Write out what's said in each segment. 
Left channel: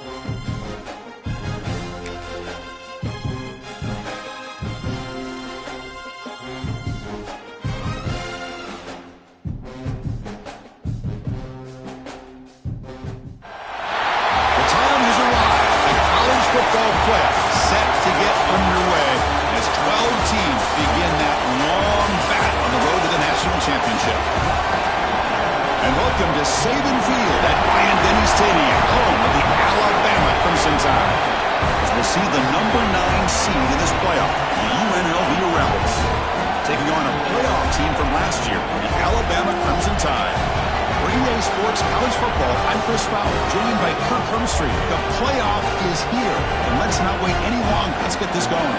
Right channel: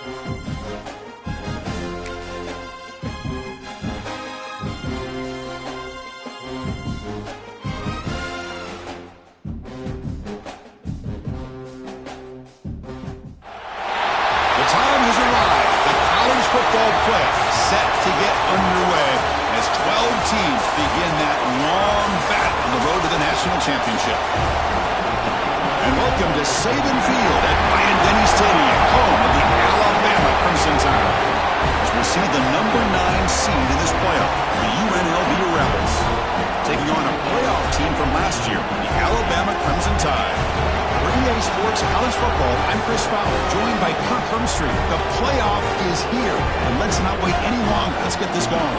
Time has arrived. The college football playoff set to get underway as 12 teams begin that long battle on the road to the national championship. And welcome to Saban Field at Bryant-Denny Stadium, home of the Alabama Crimson Tide. As we'll see the number 9 seed in this playoff, the UNLV Rebels, taking on a playoff team from last year, the Alabama Crimson Tide. For EA Sports College Football, I'm Chris Fowler, joined by Kirk Hermstreet. The playoff is here, and let's not wait any longer. Let's get this going.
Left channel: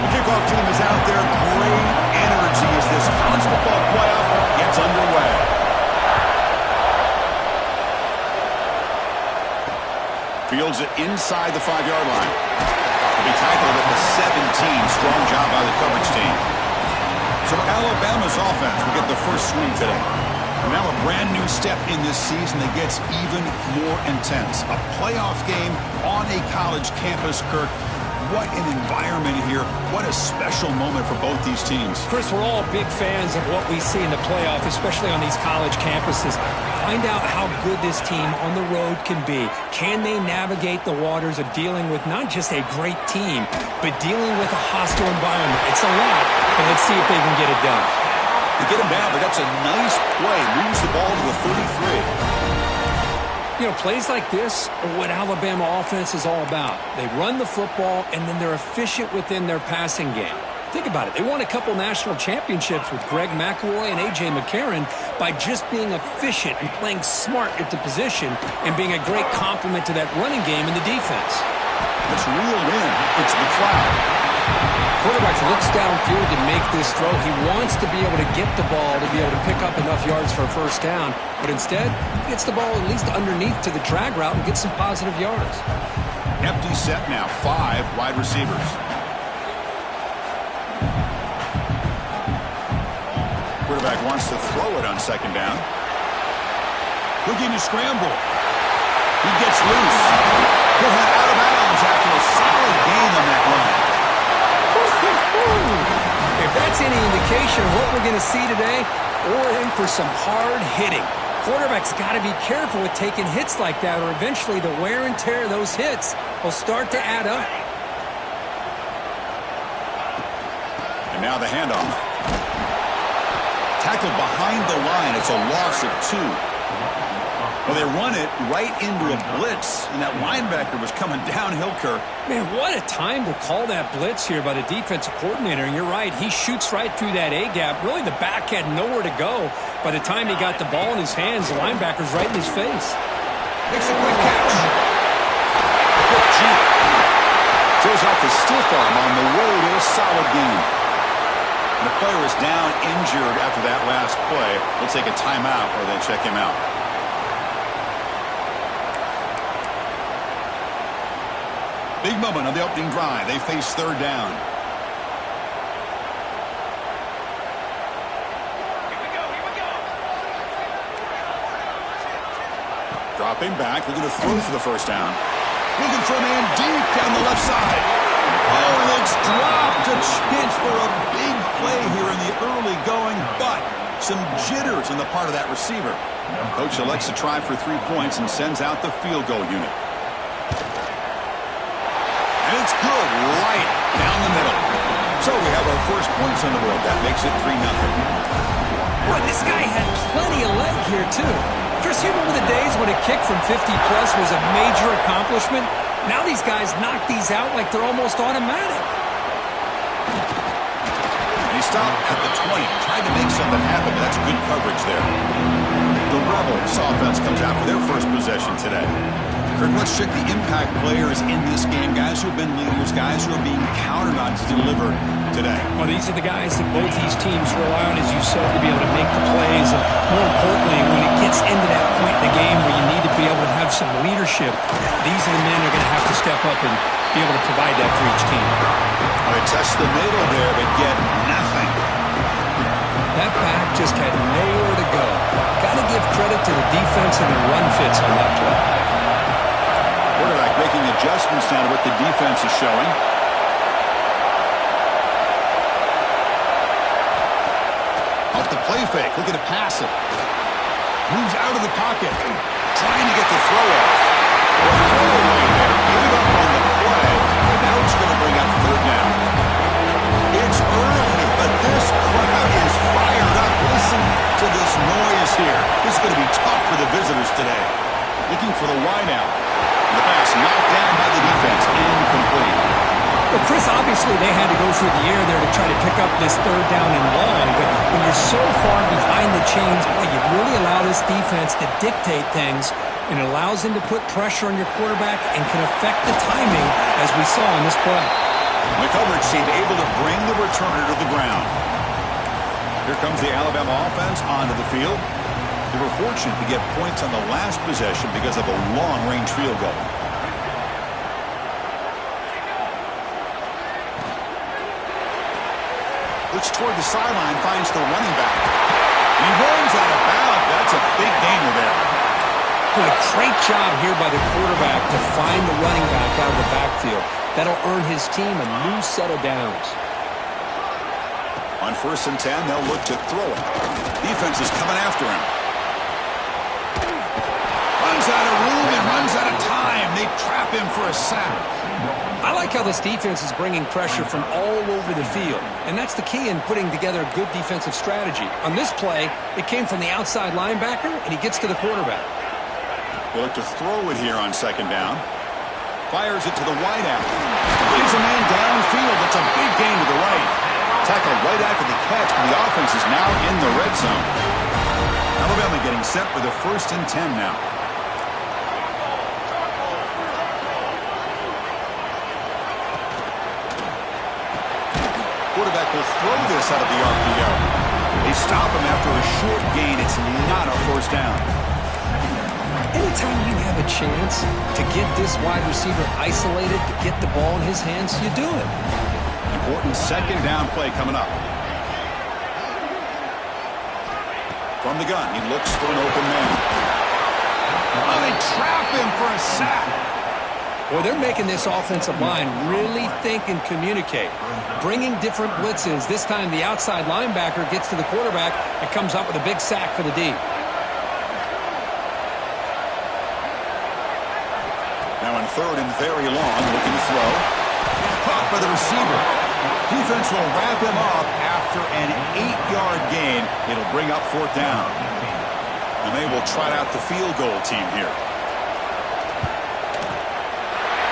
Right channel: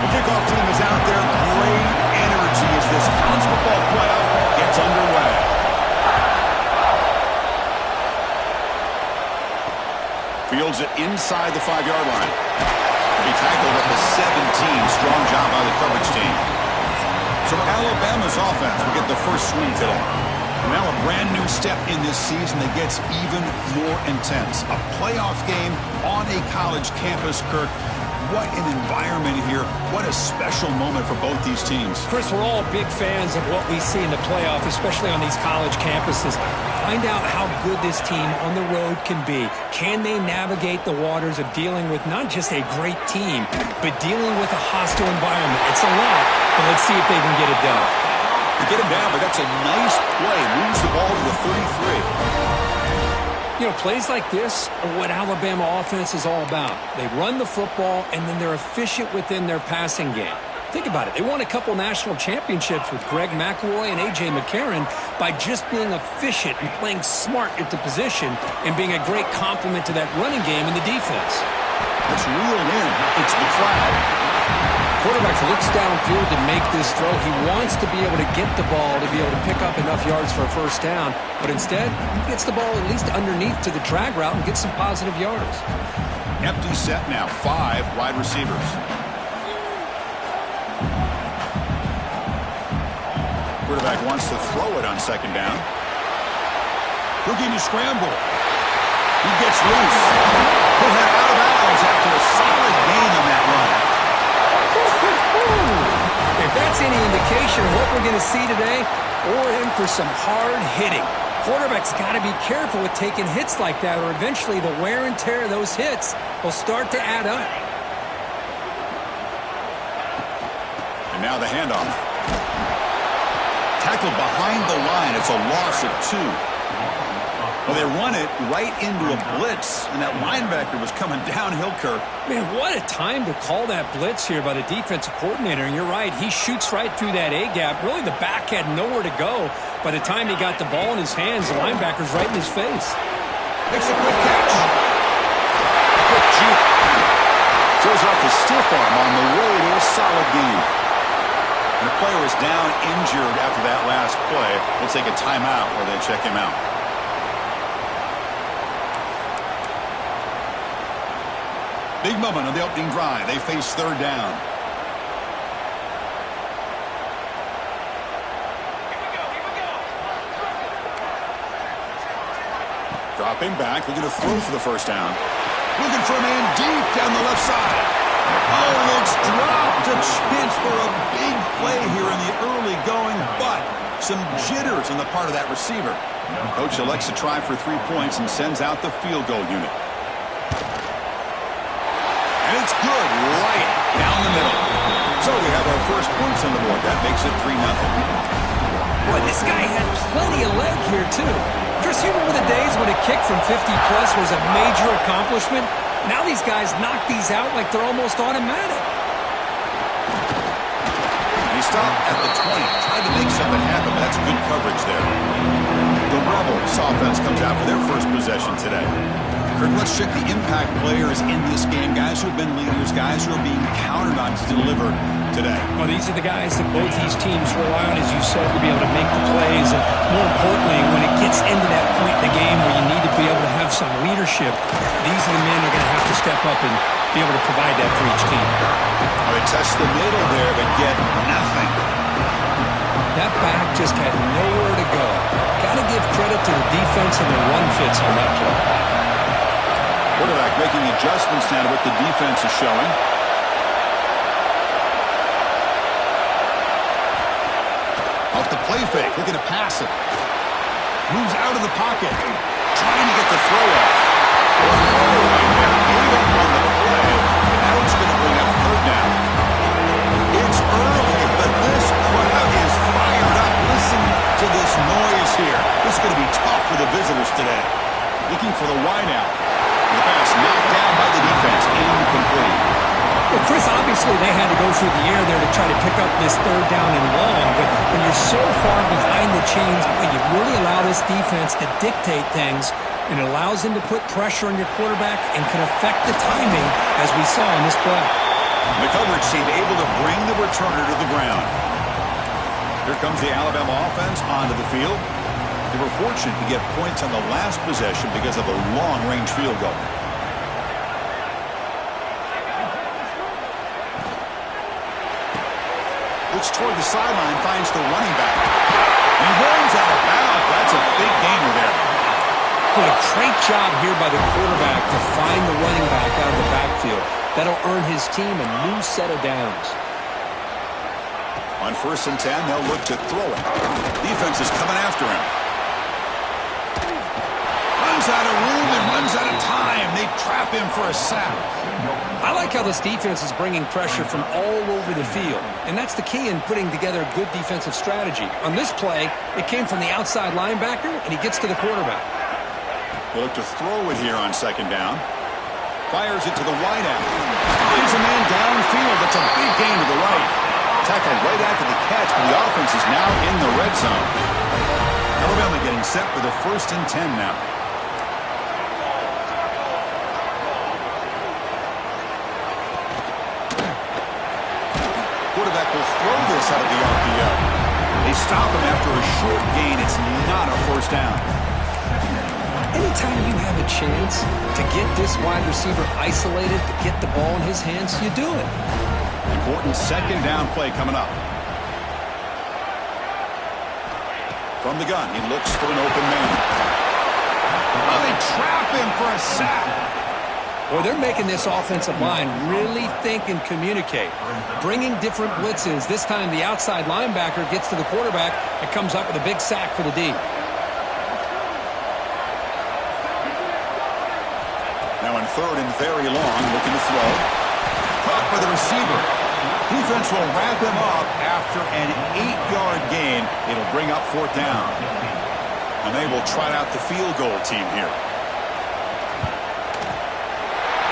The kickoff team is out there. Great energy as this college football playoff gets underway. Fields it inside the 5-yard line. He'll be tackled at the 17. Strong job by the coverage team. So Alabama's offense will get the first swing today. And now a brand new step in this season that gets even more intense. A playoff game on a college campus, Kirk. What an environment here. What a special moment for both these teams. Chris, we're all big fans of what we see in the playoff, especially on these college campuses. Find out how good this team on the road can be. Can they navigate the waters of dealing with not just a great team, but dealing with a hostile environment? It's a lot, but let's see if they can get it done. They get him down, but that's a nice play. Moves the ball to the 33. You know, plays like this are what Alabama offense is all about. They run the football, and then they're efficient within their passing game. Think about it. They won a couple national championships with Greg McElroy and A.J. McCarron by just being efficient and playing smart at the position and being a great complement to that running game and the defense. It's reeled in. It's McLeod. Quarterback looks downfield to make this throw. He wants to be able to get the ball to be able to pick up enough yards for a first down, but instead he gets the ball at least underneath to the drag route and gets some positive yards. Empty set now, 5 wide receivers. Quarterback wants to throw it on second down. Looking to scramble. He gets loose. He'll head out of bounds after a solid gain on that run. If that's any indication of what we're going to see today, we're in for some hard hitting. Quarterback's got to be careful with taking hits like that, or eventually the wear and tear of those hits will start to add up. And now the handoff. Tackled behind the line. It's a loss of 2. Well, they run it right into a blitz, and that linebacker was coming downhill, Kirk. Man, what a time to call that blitz here by the defensive coordinator. And you're right, he shoots right through that A-gap. Really, the back had nowhere to go. By the time he got the ball in his hands, the linebacker's right in his face. Makes a quick catch. A quick juke. Shows off the stiff arm on the way to a solid gain. And the player is down injured after that last play. We'll take a timeout where they check him out. Big moment on the opening drive. They face third down. Here we go. Dropping back, looking to throw for the first down. Looking for a man deep down the left side. Oh, and it's dropped. A chance for a big play here in the early going, but some jitters on the part of that receiver. Coach elects to try for 3 points and sends out the field goal unit. And it's good right down the middle. So we have our first points on the board. That makes it 3-0. Boy, this guy had plenty of leg here, too. Chris, you remember the days when a kick from 50-plus was a major accomplishment? Now these guys knock these out like they're almost automatic. And he stopped at the 20. Tried to make something happen, but that's good coverage there. The Rebels offense comes out for their first possession today. Kurt, let's check the impact players in this game. Guys who have been leaders, guys who are being counted on to deliver today. Well, these are the guys that both these teams rely on, as you said, to be able to make the plays. And more importantly, when it gets into that point in the game where you need to be able to have some leadership, these are the men who are going to have to step up and be able to provide that for each team. All right, test the middle there, but get nothing. That back just had nowhere to go. Got to give credit to the defense and their run fits on that play. Quarterback making adjustments now to what the defense is showing. Off the play fake, looking to pass it. Moves out of the pocket, trying to get the throw off. Well, throwaway there, gave up on the play, and now it's going to bring up third down. It's early, but this crowd is fired up. Listen to this noise here. This is going to be tough for the visitors today. Looking for the wideout. The pass knocked down by the defense, incomplete. Well, Chris, obviously they had to go through the air there to try to pick up this third down and long, but when you're so far behind the chains, boy, you really allow this defense to dictate things, and it allows them to put pressure on your quarterback and can affect the timing, as we saw in this play. The coverage team able to bring the returner to the ground. Here comes the Alabama offense onto the field. They were fortunate to get points on the last possession because of a long-range field goal. Looks toward the sideline, finds the running back. And he runs out of bounds. That's a big gainer there. Boy, great job here by the quarterback to find the running back out of the backfield. That'll earn his team a new set of downs. On 1st and 10, they'll look to throw it. Defense is coming after him. Runs out of room and runs out of time. They trap him for a sack. I like how this defense is bringing pressure from all over the field, and that's the key in putting together a good defensive strategy. On this play, it came from the outside linebacker, and he gets to the quarterback. They look to throw it here on 2nd down. Fires it to the wideout. Finds a man downfield. That's a big gain to the right. Tackle right after the catch, but the offense is now in the red zone. Alabama getting set with a 1st and 10 now. Quarterback will throw this out of the RPO. They stop him after a short gain. It's not a 1st down. Anytime you have a chance to get this wide receiver isolated, to get the ball in his hands, you do it. Important 2nd down play coming up. From the gun, he looks for an open man. Oh, they trap him for a sack. Boy, they're making this offensive line really think and communicate. Bringing different blitzes. This time the outside linebacker gets to the quarterback and comes up with a big sack for the D. Now in 3rd and very long, looking to throw. Caught by the receiver. Defense will wrap him up after an 8-yard gain. It'll bring up 4th down. And they will trot out the field goal team here.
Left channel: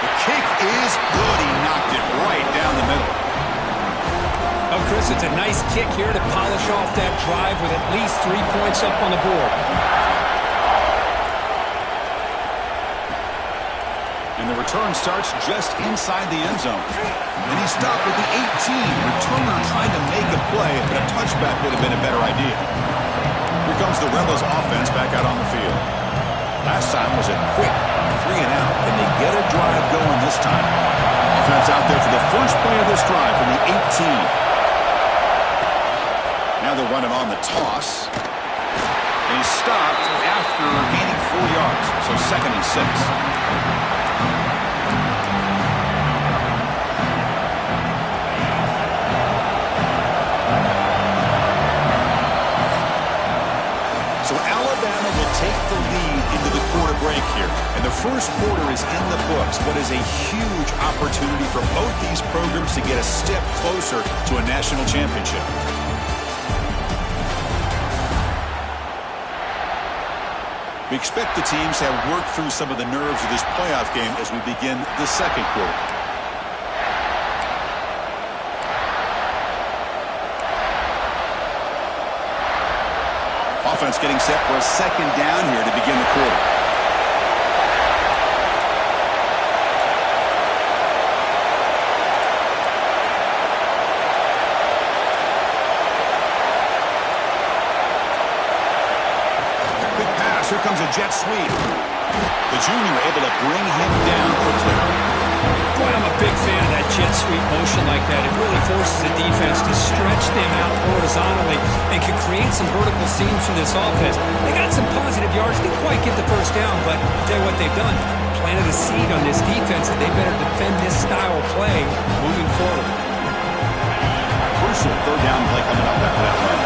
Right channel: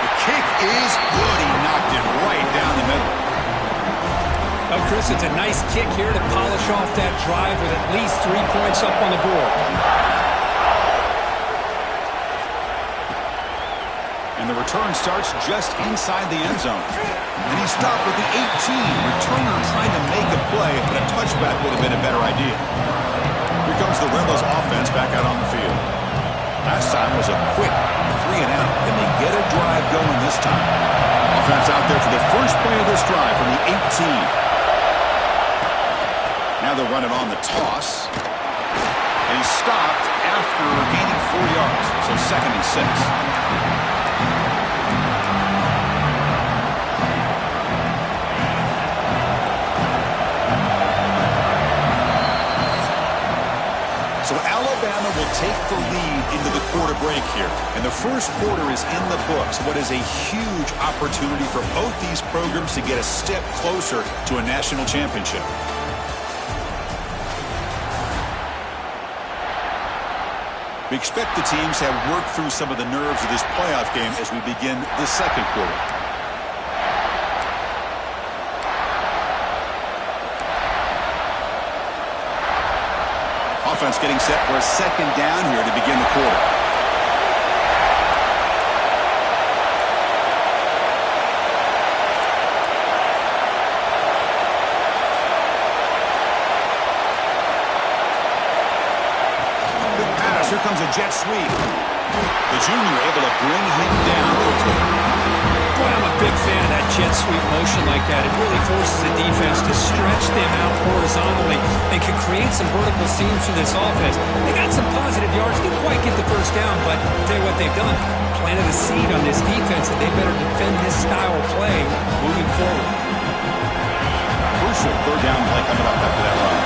The kick is good. He knocked it right down the middle. Oh, Chris, it's a nice kick here to polish off that drive with at least 3 points up on the board. And the return starts just inside the end zone. And he stopped at the 18. Returner trying to make a play, but a touchback would have been a better idea. Here comes the Rebels offense back out on the field. Last time was a quick 3 and out. Can they get a drive going this time? Offense out there for the first play of this drive from the 18. Now they're running on the toss. And he stopped after gaining 4 yards. So 2nd and 6. So Alabama will take the lead into the quarter break here. And the first quarter is in the books. What is a huge opportunity for both these programs to get a step closer to a national championship. We expect the teams to have worked through some of the nerves of this playoff game as we begin the 2nd quarter. Offense getting set for a 2nd down here to begin the quarter. Here comes a jet sweep. The junior able to bring him down quickly. Boy, I'm a big fan of that jet sweep motion like that. It really forces the defense to stretch them out horizontally and can create some vertical seams for this offense. They got some positive yards. Didn't quite get the first down, but I'll tell you what they've done. Planted a seed on this defense that they better defend this style of play moving forward. Crucial third down play coming up after that run.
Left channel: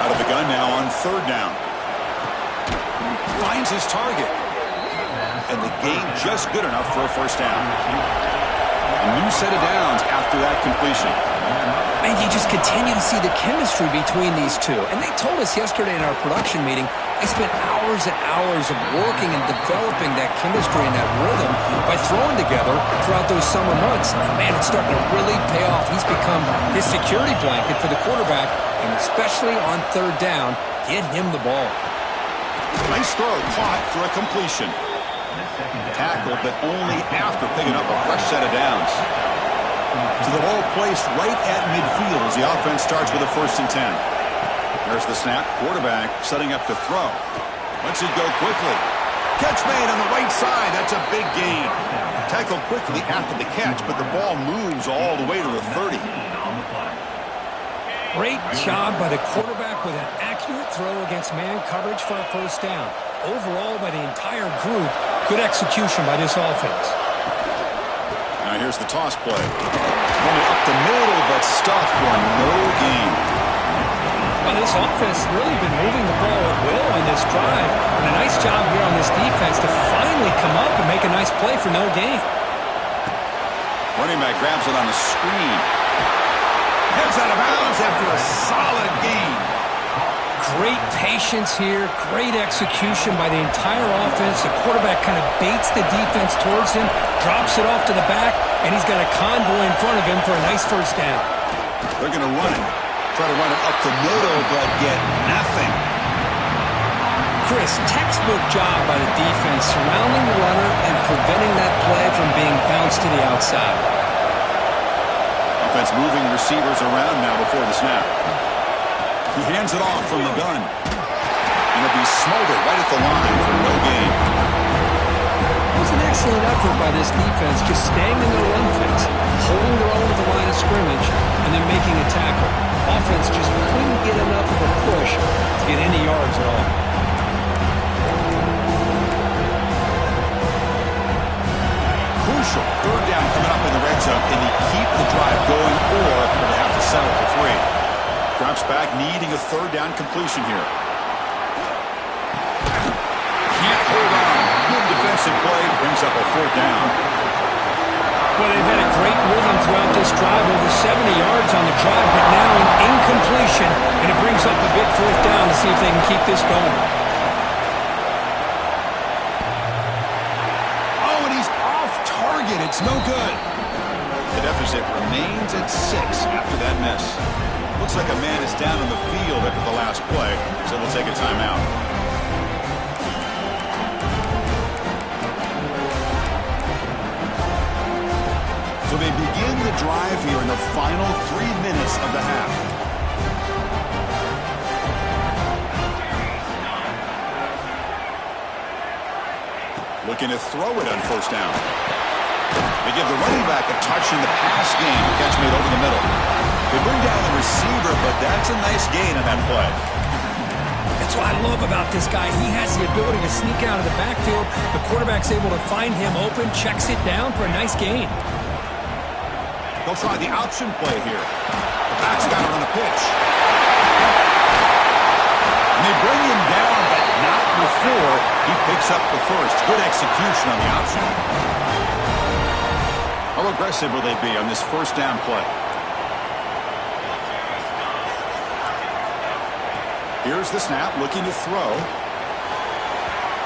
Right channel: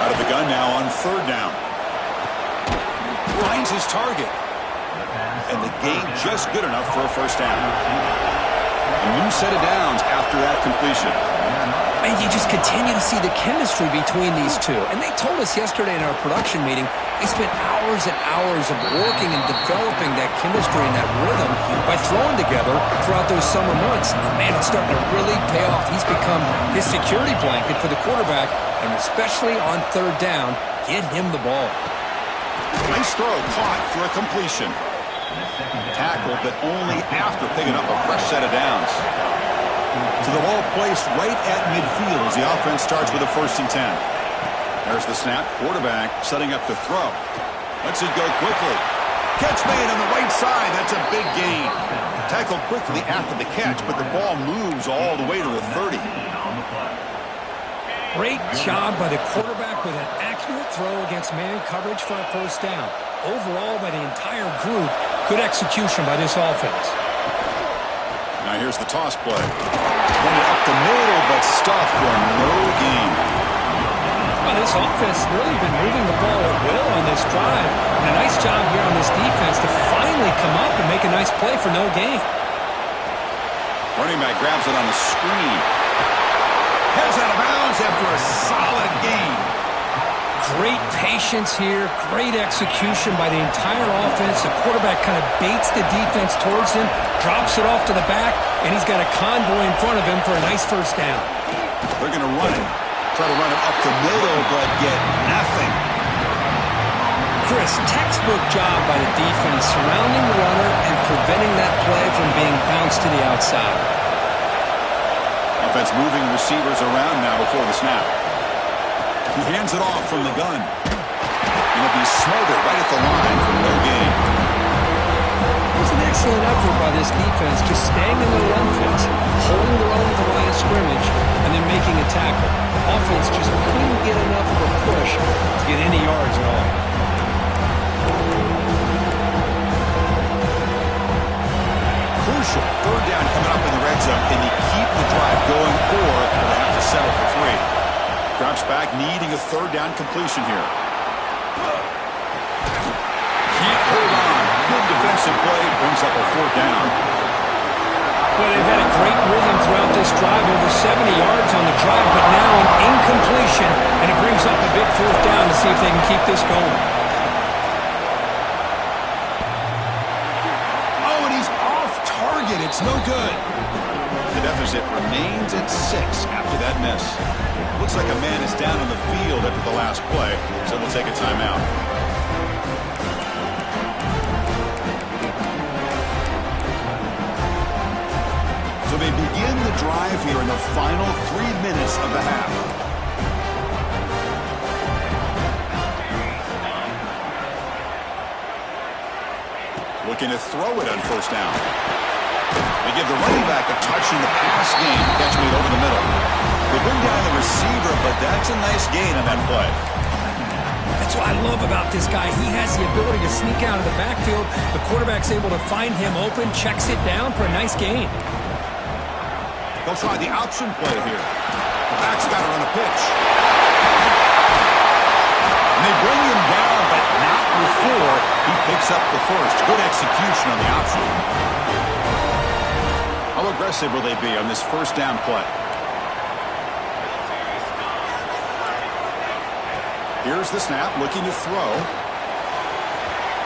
Out of the gun now on third down. Finds his target. And the gain just good enough for a first down. A new set of downs after that completion. Man, you just continue to see the chemistry between these two. And they told us yesterday in our production meeting, they spent hours and hours of working and developing that chemistry and that rhythm by throwing together throughout those summer months. And man, it's starting to really pay off. He's become his security blanket for the quarterback, and especially on third down, get him the ball. Nice throw, caught for a completion. Tackled, but only after picking up a fresh set of downs. So the ball placed right at midfield as the offense starts with a 1st and 10. There's the snap. Quarterback setting up to throw. Lets it go quickly. Catch made on the right side. That's a big gain. Tackled quickly after the catch, but the ball moves all the way to the 30. Great job by the quarterback with an accurate throw against man coverage for a first down. Overall, by the entire group, good execution by this offense. Now here's the toss play. Running up the middle, but stuffed for no gain. Well, this offense has really been moving the ball at will on this drive. And a nice job here on this defense to finally come up and make a nice play for no gain. Running back grabs it on the screen. Heads out of bounds after a solid gain. Great patience here. Great execution by the entire offense. The quarterback kind of baits the defense towards him, drops it off to the back, and he's got a convoy in front of him for a nice first down. They're going to run it. Try to run it up the middle, but get nothing. Chris, textbook job by the defense surrounding the runner and preventing that play from being bounced to the outside. Offense moving receivers around now before the snap. He hands it off from the gun. And it'll be smothered right at the line for no gain. It was an excellent effort by this defense, just staying in their run fence, holding their own at the line of scrimmage, and then making a tackle. Offense just couldn't get enough of a push to get any yards at all. Crucial third down coming up in the red zone. Can they keep the drive going, or will they have to settle for 3? Drops back, needing a third down completion here. Can't hold on. Good defensive play, brings up a 4th down. Well, they've had a great rhythm throughout this drive, over 70 yards on the drive, but now an incompletion, and it brings up a big 4th down to see if they can keep this going. Oh, and he's off target. It's no good. The deficit remains at 6 after that miss. Looks like a man is down on the field after the last play, so we'll take a timeout. So they begin the drive here in the final 3 minutes of the half. Looking to throw it on 1st down. They give the running back a touch in the pass game. Catch made over the middle. They bring down the receiver, but that's a nice gain on that play. That's what I love about this guy. He has the ability to sneak out of the backfield. The quarterback's able to find him open, checks it down for a nice gain. They'll try the option play here. The back's got to run a pitch. And they bring him down, but not before he picks up the first. Good execution on the option. How aggressive will they be on this 1st down play? Here's the snap, looking to throw.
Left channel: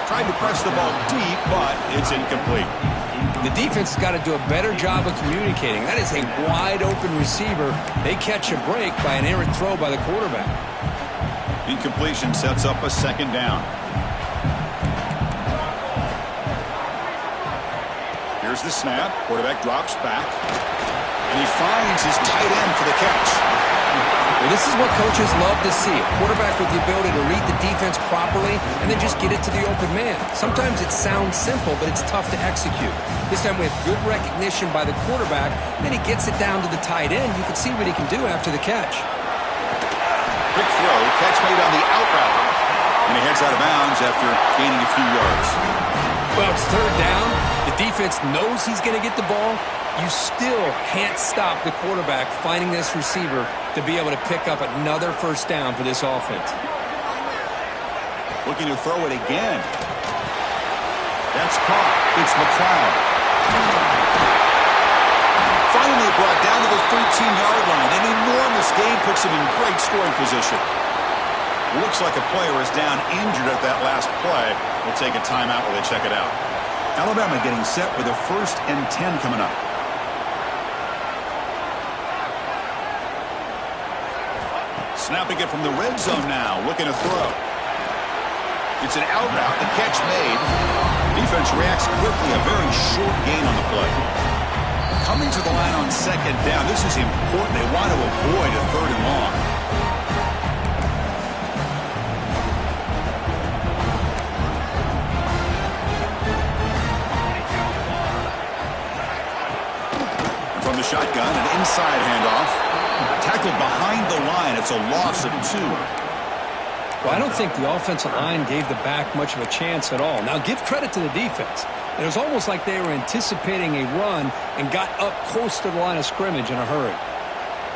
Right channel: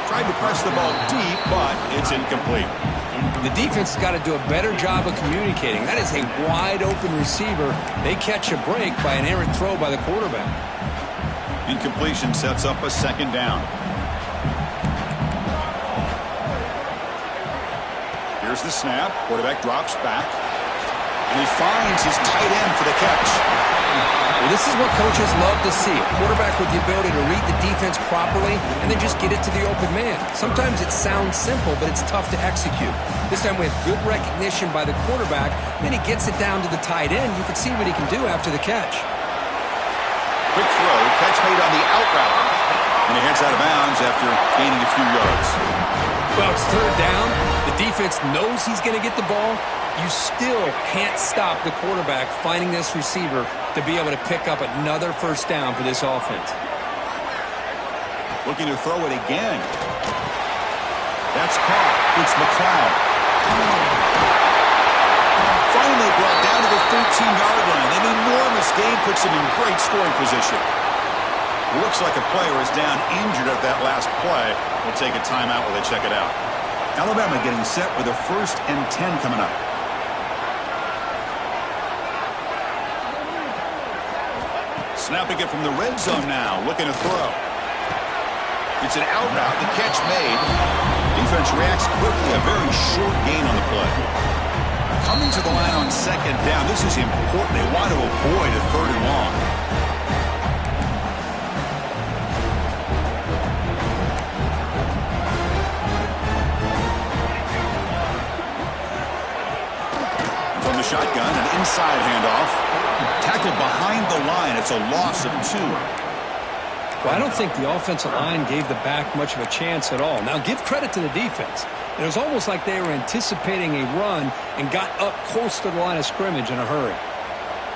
Tried to press the ball deep, but it's incomplete. The defense has got to do a better job of communicating. That is a wide-open receiver. They catch a break by an errant throw by the quarterback. Incompletion sets up a 2nd down. Here's the snap. Quarterback drops back. And he finds his tight end for the catch. The Well, this is what coaches love to see. A quarterback with the ability to read the defense properly and then just get it to the open man. Sometimes it sounds simple, but it's tough to execute. This time we have good recognition by the quarterback. Then he gets it down to the tight end. You can see what he can do after the catch. Quick throw, catch made on the out route. And he heads out of bounds after gaining a few yards. Well, it's third down. The defense knows he's going to get the ball. You still can't stop the quarterback finding this receiver to be able to pick up another first down for this offense. Looking to throw it again. That's caught. It's McLeod. Finally brought down to the 13-yard line. An enormous gain puts him in great scoring position. Looks like a player is down injured at that last play. We'll take a timeout while they check it out. Alabama getting set with a 1st and 10 coming up. Snapping it from the red zone now, looking to throw. It's an out route, the catch made. Defense reacts quickly, a very short gain on the play. Coming to the line on 2nd down, this is important. They want to avoid a 3rd and long. And from the shotgun, an inside handoff. Tackled behind the line. It's a loss of 2. Well, I don't think the offensive line gave the back much of a chance at all. Now, give credit to the defense. It was almost like they were anticipating a run and got up close to the line of scrimmage in a hurry.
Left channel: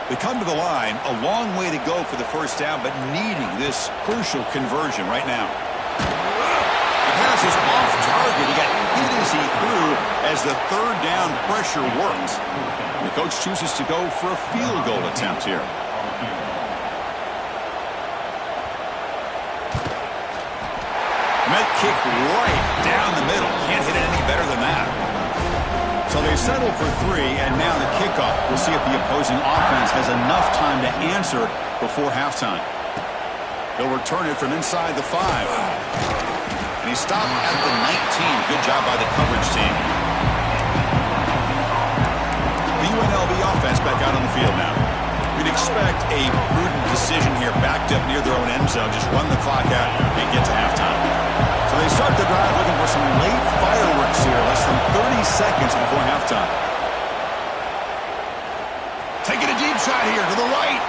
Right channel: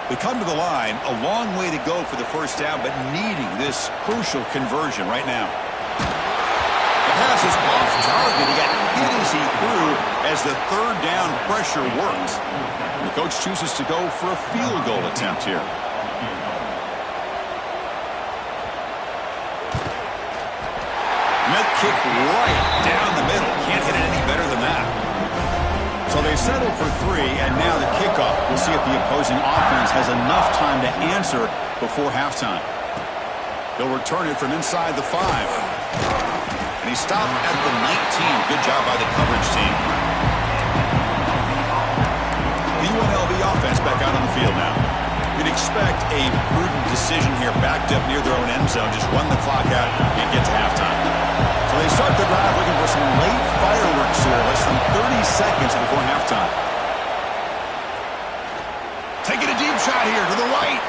They come to the line, a long way to go for the first down, but needing this crucial conversion right now. The pass is off target. He got hit as he threw as the 3rd down pressure worked. The coach chooses to go for a field goal attempt here. Met kick right down the middle. Can't hit it any better than that. So they settle for 3, and now the kickoff. We'll see if the opposing offense has enough time to answer before halftime. He'll return it from inside the 5. And he stopped at the 19. Good job by the coverage team. The UNLV offense back out on the field now. We'd expect a prudent decision here, backed up near their own end zone. Just run the clock out and get to halftime. So they start the drive looking for some late fireworks here, less than 30 seconds before halftime. Taking a deep shot here to the right.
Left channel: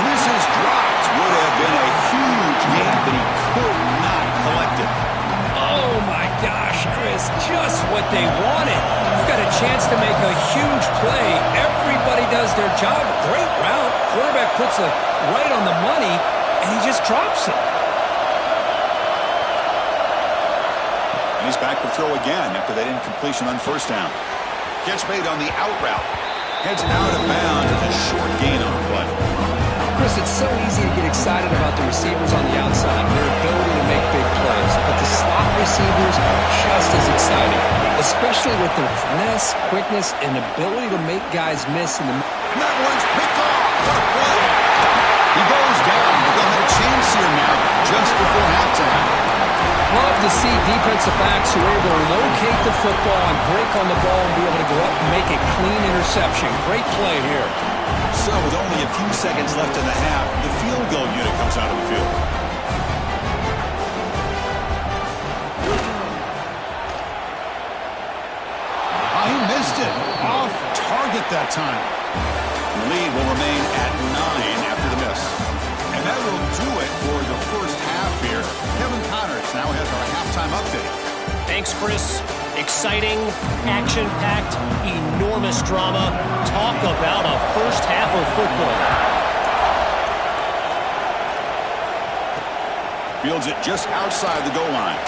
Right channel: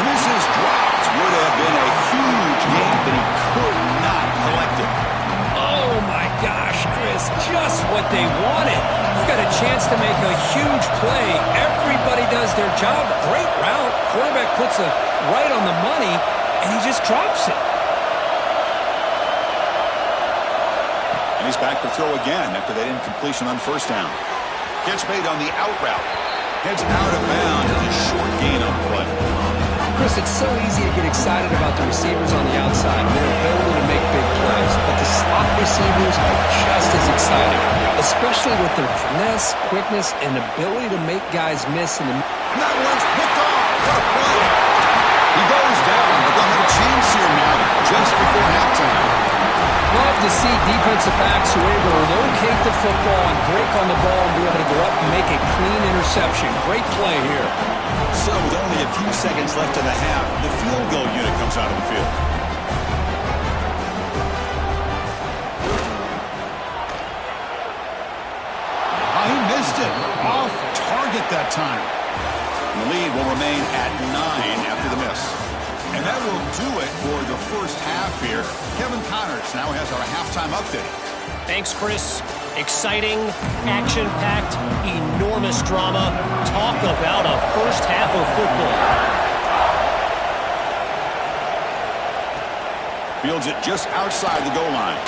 And this is dropped. Would have been a huge gain, but he could not collect it. Oh, my gosh, Chris, just what they wanted. You've got a chance to make a huge play. Everybody does their job. Great route. Quarterback puts it right on the money, and he just drops it. And he's back to throw again after that incompletion on 1st down. Catch made on the out route. Heads out of bounds as a short gain on the play. Chris, it's so easy to get excited about the receivers on the outside and their ability to make big plays. But the slot receivers are just as exciting, especially with their finesse, quickness, and ability to make guys miss in the... And that one's picked off. What a play. He goes down, but they'll have a chance here now just before halftime. Love to see defensive backs who are able to locate the football and break on the ball and be able to go up and make a clean interception. Great play here. So with only a few seconds left in the half, the field goal unit comes out of the field. He missed it. Off target that time. And the lead will remain at 9 after the miss. And that will do it for the first half here. Kevin Connors now has our halftime update. Thanks, Chris. Exciting, action-packed, enormous drama. Talk about a first half of football. Fields it just outside the goal line.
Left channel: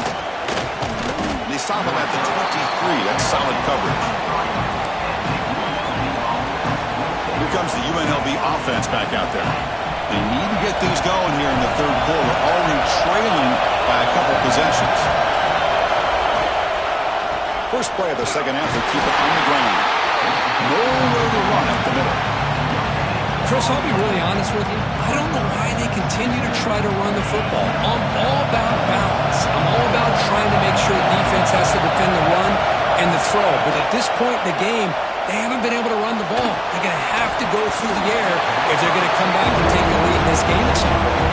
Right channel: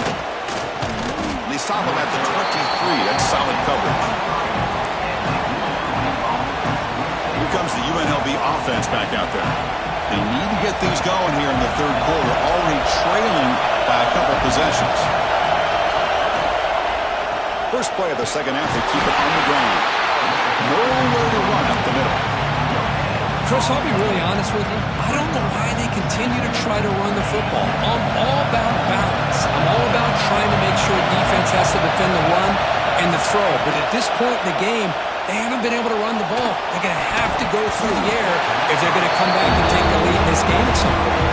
They stop him at the 23. That's solid coverage. Here comes the UNLV offense back out there. They need to get things going here in the 3rd quarter, already trailing by a couple possessions. First play of the 2nd half, they keep it on the ground. Nowhere to run up the middle. Chris, I'll be really honest with you. I don't know why they continue to try to run the football. I'm all about balance. I'm all about trying to make sure defense has to defend the run, and the throw. But at this point in the game, they haven't been able to run the ball. They're going to have to go through the air if they're going to come back and take the lead in this game at some point.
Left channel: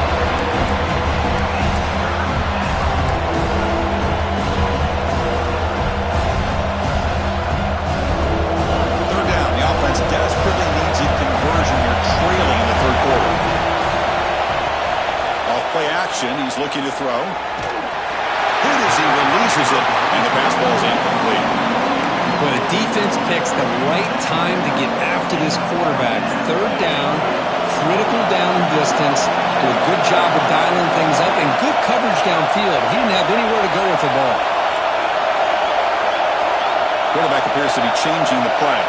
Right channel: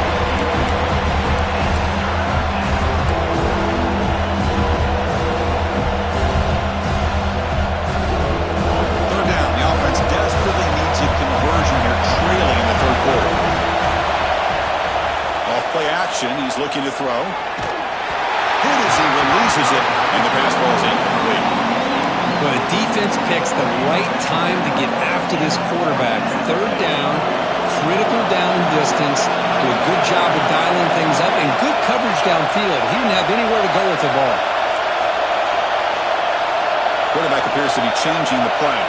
Desperately needs a conversion here, trailing in the third quarter. Off play action, he's looking to throw. Hit as he releases it, and the pass ball is incomplete. Well, the defense picks the right time to get after this quarterback. Third down, critical down and distance. Do a good job of dialing things up, and good coverage downfield. He didn't have anywhere to go with the ball. Quarterback appears to be changing the play.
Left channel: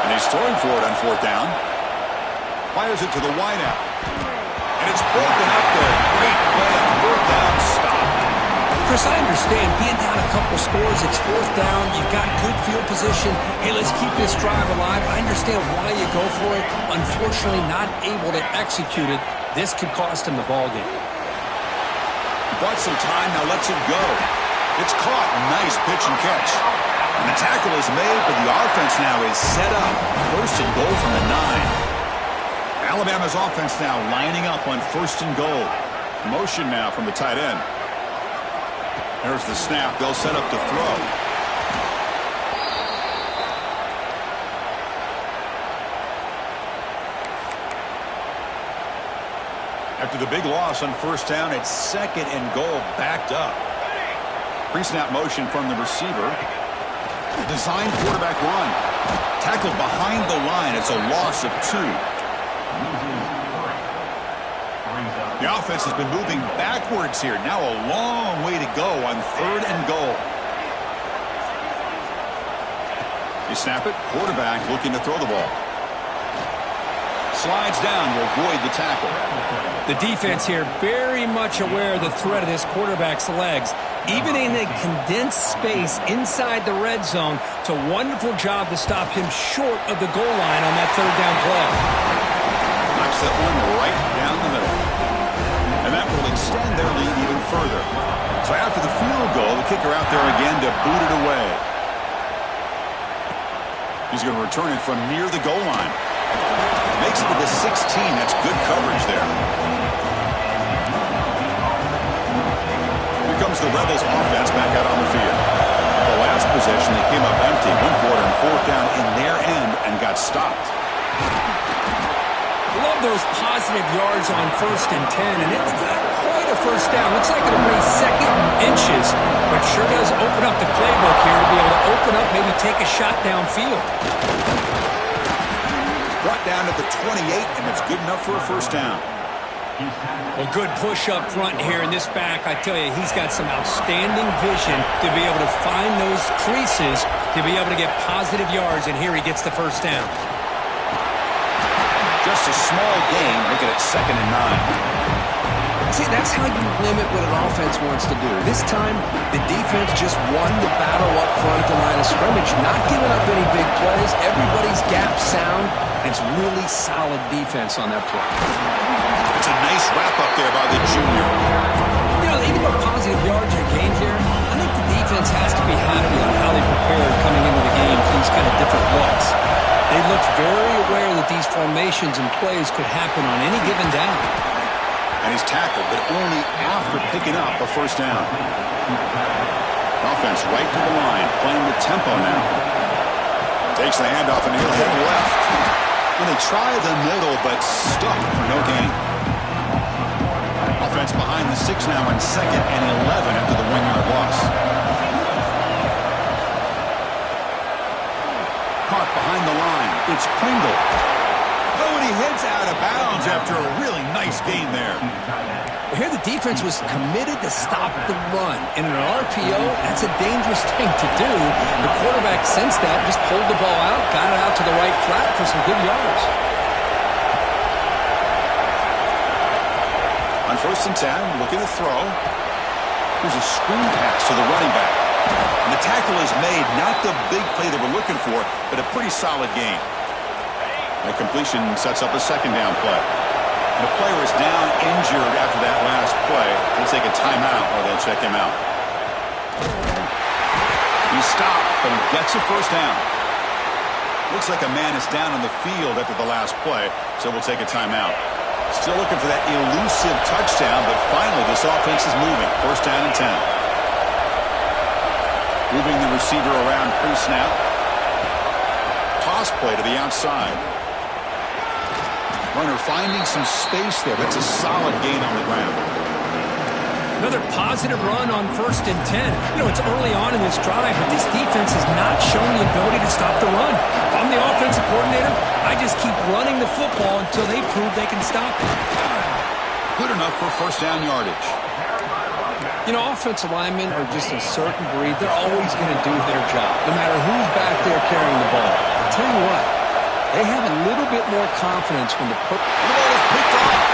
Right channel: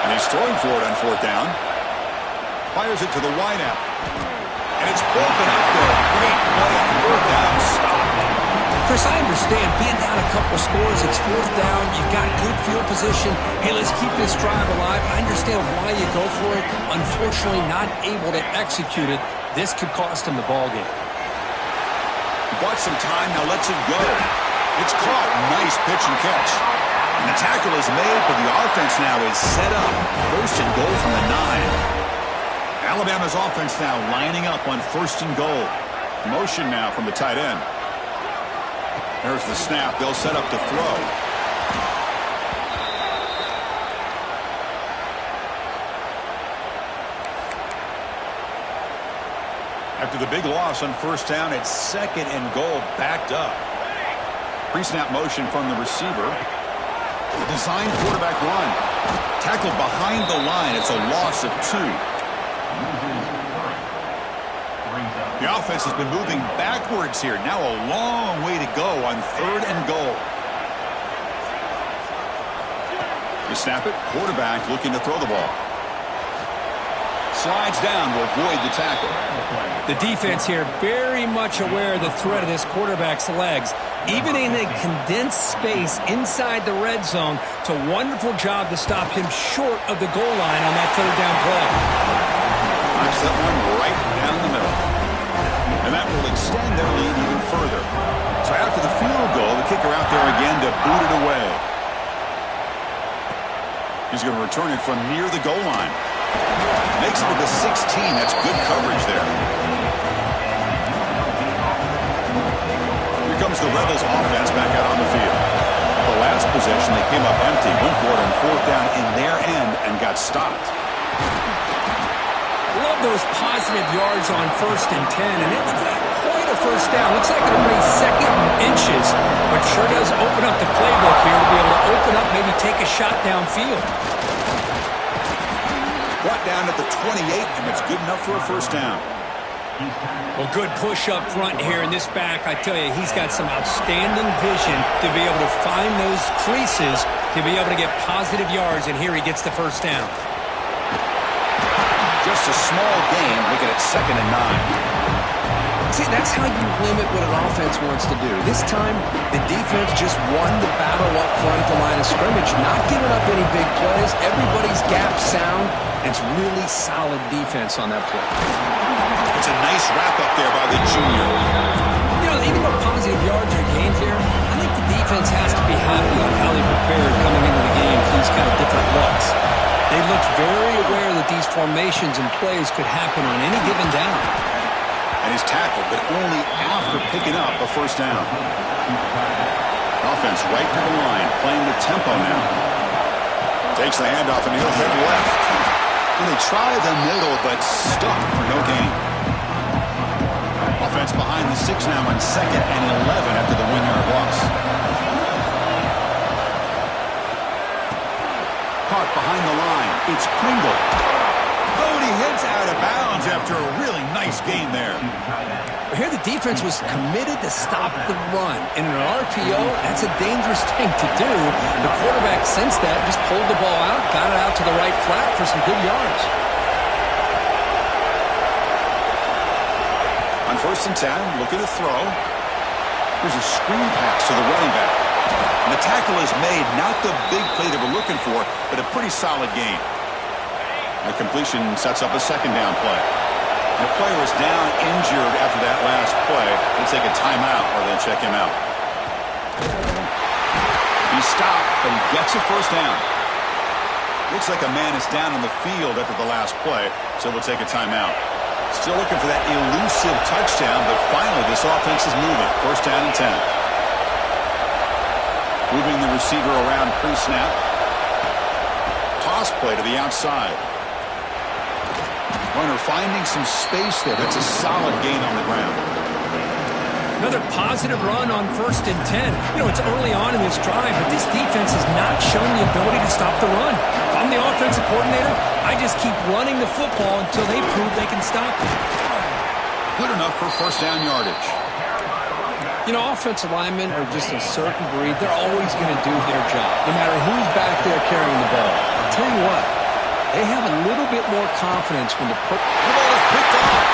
And he's throwing for it on fourth down. Fires it to the wideout. And it's broken up there. Great play on third down. Stop. Chris, I understand being down a couple scores. It's fourth down. You've got good field position. Hey, let's keep this drive alive. I understand why you go for it. Unfortunately, not able to execute it. This could cost him the ball game. He bought some time. Now lets it go. It's caught. Nice pitch and catch. And the tackle is made, but the offense now is set up. First and goal from the 9. Alabama's offense now lining up on first and goal. Motion now from the tight end. There's the snap. They'll set up to throw. After the big loss on first down, it's second and goal, backed up. Pre-snap motion from the receiver. Designed quarterback run. Tackled behind the line. It's a loss of 2. The offense has been moving backwards here. Now a long way to go on third and goal. You snap it. Quarterback looking to throw the ball. Slides down, will avoid the tackle. The defense here very much aware of the threat of this quarterback's legs. Even in a condensed space inside the red zone, it's a wonderful job to stop him short of the goal line on that third down play. Knocks that one right down the middle. And that will extend their lead even further. So after the field goal, the kicker out there again to boot it away. He's going to return it from near the goal line. Makes it to the 16. That's good coverage there. Here comes the Rebels offense back out on the field. The last possession, they came up empty, went for it on fourth down in their end and got stopped. Love those positive yards on first and 10, and it's not quite a first down. Looks like it'll bring second inches, but sure does open up the playbook here to be able to open up, maybe take a shot downfield. Brought down at the 28, and it's good enough for a first down. Well, good push up front here in this back. I tell you, he's got some outstanding vision to be able to find those creases, to be able to get positive yards, and here he gets the first down. Just a small game. Look at it, second and 9. See, that's how you limit what an offense wants to do. This time, the defense just won the battle up front at the line of scrimmage, not giving up any big plays. Everybody's gap sound, and it's really solid defense on that play. It's a nice wrap-up there by the junior. You know, even though positive yards are gained here, I think the defense has to be happy on how they prepared coming into the game for these kind of different looks. They looked very aware that these formations and plays could happen on any given down. And he's tackled, but only after picking up a first down. Offense right to the line, playing the tempo now. Takes the handoff and he'll head left. And they try the middle, but stuck for no gain. Offense behind the 6 now on second and 11 after the 1-yard loss. Caught behind the line. It's Pringle. Oh, and he heads out of bounds after a really nice gain there. Here the defense was committed to stop the run. And in an RPO, that's a dangerous thing to do. The quarterback sensed that, just pulled the ball out, got it out to the right flat for some good yards. On first and 10, looking to throw. Here's a screen pass to the running back. And the tackle is made, not the big play they were looking for, but a pretty solid gain. That completion sets up a second down play. And the player is down injured after that last play. They'll take a timeout or they'll check him out. He stopped, but he gets a first down. Looks like a man is down on the field after the last play, so we'll take a timeout. Still looking for that elusive touchdown, but finally this offense is moving. First down and 10. Moving the receiver around pre-snap. Toss play to the outside. Runner finding some space there. That's a solid gain on the ground. Another positive run on 1st and 10. You know, it's early on in this drive, but this defense has not shown the ability to stop the run. If I'm the offensive coordinator, I just keep running the football until they prove they can stop it. Good enough for first down yardage. You know, offensive linemen are just a certain breed. They're always going to do their job, no matter who's back there carrying the ball. I'll tell you what, they have a little bit more confidence when the ball is picked off.